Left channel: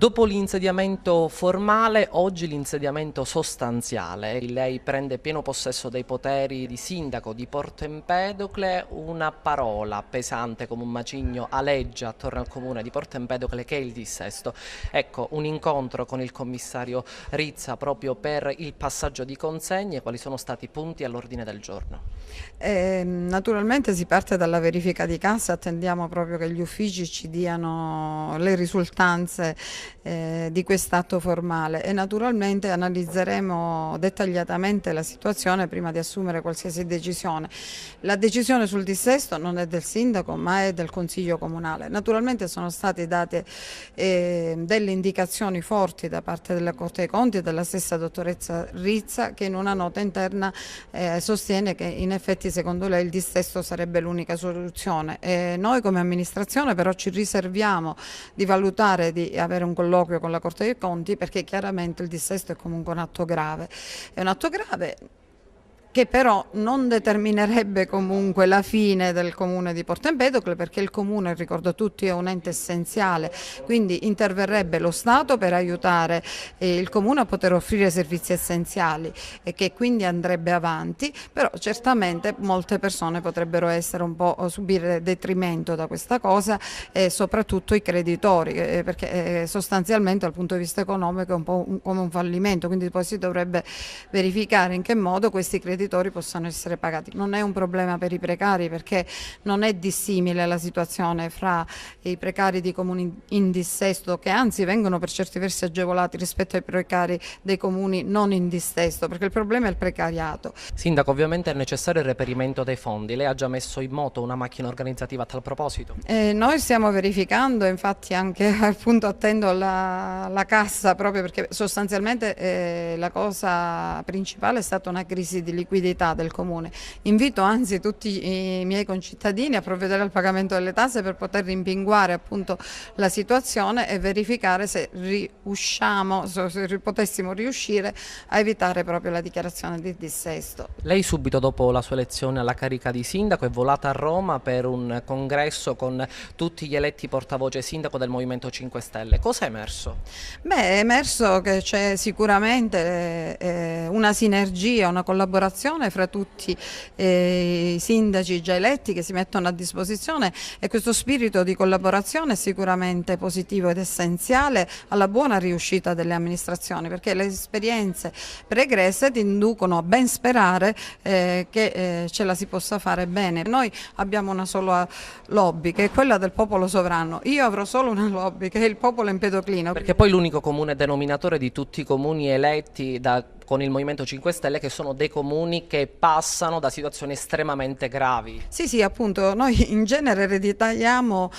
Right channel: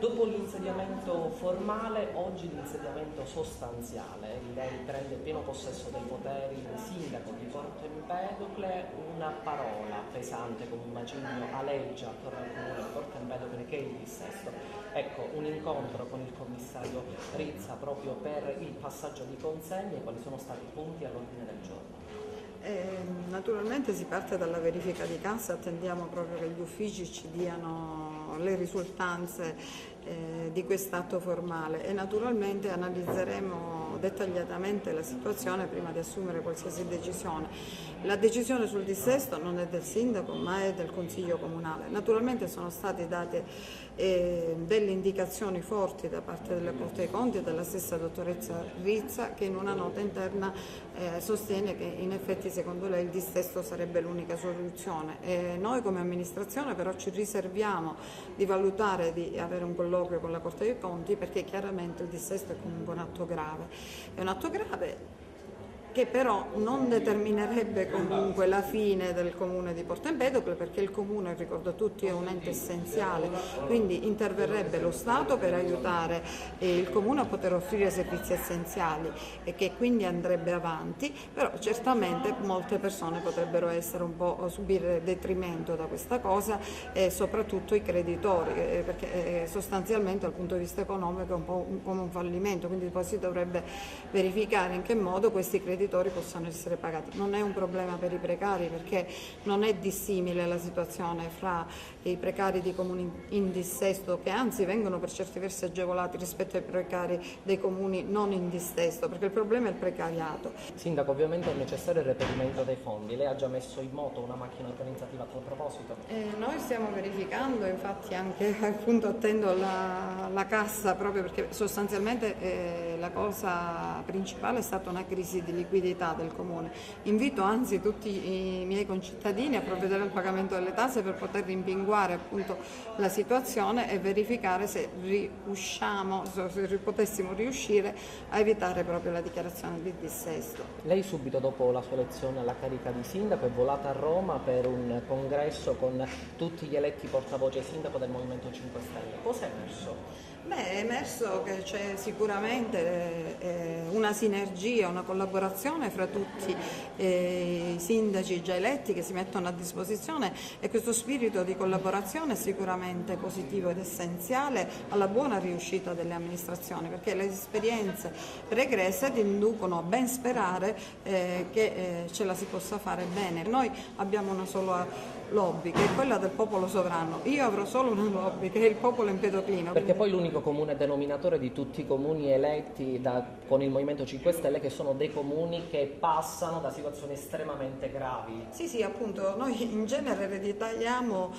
Dopo l'insediamento formale, oggi l'insediamento sostanziale. Lei prende pieno possesso dei poteri di sindaco di Porto Empedocle, una parola pesante come un macigno aleggia attorno al comune di Porto Empedocle che è il dissesto. Ecco, un incontro con il commissario Rizza proprio per il passaggio di consegne, quali sono stati i punti all'ordine del giorno? Naturalmente si parte dalla verifica di cassa, attendiamo proprio che gli uffici ci diano le risultanze di quest'atto formale e naturalmente analizzeremo dettagliatamente la situazione prima di assumere qualsiasi decisione. La decisione sul dissesto non è del sindaco ma è del Consiglio Comunale. Naturalmente sono state date delle indicazioni forti da parte della Corte dei Conti e della stessa dottoressa Rizza che in una nota interna sostiene che in effetti secondo lei il dissesto sarebbe l'unica soluzione. Noi come amministrazione però ci riserviamo di valutare di avere un colloquio con la Corte dei Conti perché chiaramente il dissesto è comunque un atto grave. È un atto grave che però non determinerebbe comunque la fine del comune di Porto Empedocle perché il comune, ricordo a tutti, è un ente essenziale, quindi interverrebbe lo Stato per aiutare il comune a poter offrire servizi essenziali e che quindi andrebbe avanti, però certamente molte persone potrebbero essere un po' subire detrimento da questa cosa e soprattutto i creditori perché sostanzialmente dal punto di vista economico è un po' come un fallimento, quindi poi si dovrebbe verificare in che modo questi creditori possano essere pagati. Non è un problema per i precari perché non è dissimile la situazione fra i precari di comuni in dissesto che anzi vengono per certi versi agevolati rispetto ai precari dei comuni non in dissesto perché il problema è il precariato. Sindaco, ovviamente è necessario il reperimento dei fondi. Lei ha già messo in moto una macchina organizzativa a tal proposito? Noi stiamo verificando, infatti anche appunto attendo la cassa proprio perché sostanzialmente la cosa principale è stata una crisi di liquidità del comune. Invito anzi tutti i miei concittadini a provvedere al pagamento delle tasse per poter rimpinguare appunto la situazione e verificare se riusciamo, se potessimo riuscire a evitare proprio la dichiarazione di dissesto. Lei subito dopo la sua elezione alla carica di sindaco è volata a Roma per un congresso con tutti gli eletti portavoce sindaco del Movimento 5 Stelle. Cosa è emerso? Beh, è emerso che c'è sicuramente una sinergia, una collaborazione fra tutti i sindaci già eletti che si mettono a disposizione e questo spirito di collaborazione è sicuramente positivo ed essenziale alla buona riuscita delle amministrazioni perché le esperienze pregresse ti inducono a ben sperare che ce la si possa fare bene. Noi abbiamo una sola lobby che è quella del popolo sovrano, io avrò solo una lobby che è il popolo empedoclino. Perché poi l'unico comune denominatore di tutti i comuni eletti con il Movimento 5 Stelle che sono dei comuni che passano da situazioni estremamente gravi. Sì, appunto, noi in genere ereditiamo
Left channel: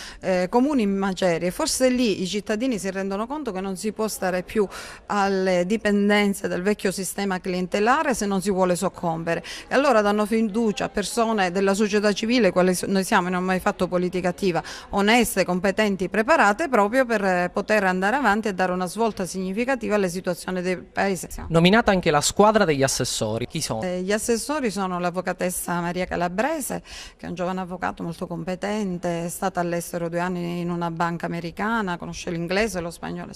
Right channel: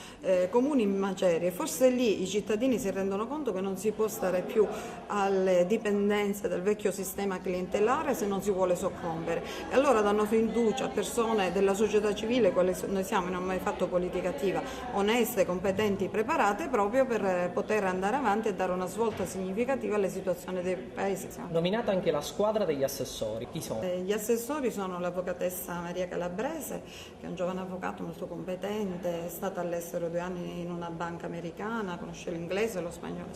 comuni in macerie, forse lì i cittadini si rendono conto che non si può stare più alle dipendenze del vecchio sistema clientelare se non si vuole soccombere e allora danno fiducia a persone della società civile, quale noi siamo, non abbiamo mai fatto politica attiva, oneste, competenti, preparate proprio per poter andare avanti e dare una svolta significativa alle situazioni del Paese. Nominata anche la squadra degli assessori, chi sono? Gli assessori sono l'avvocatessa Maria Calabrese, che è un giovane avvocato molto competente, è stata all'estero 2 anni in una banca americana, conosce l'inglese e lo spagnolo,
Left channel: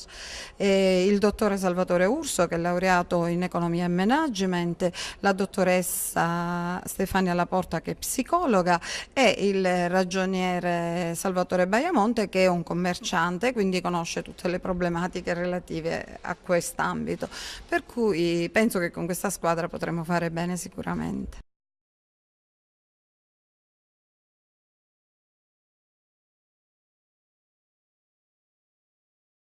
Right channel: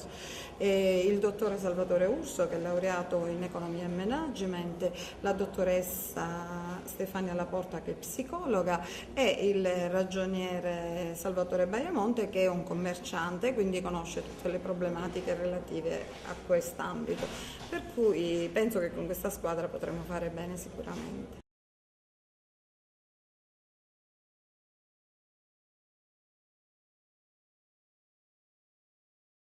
e il dottore Salvatore Urso, che è laureato in economia e management, la dottoressa Stefania Laporta, che è psicologa, e il ragioniere Salvatore Baiamonte, che è un commerciante, quindi conosce tutte le problematiche relative a quest'ambito. Per cui penso che con questa squadra potremo fare bene sicuramente.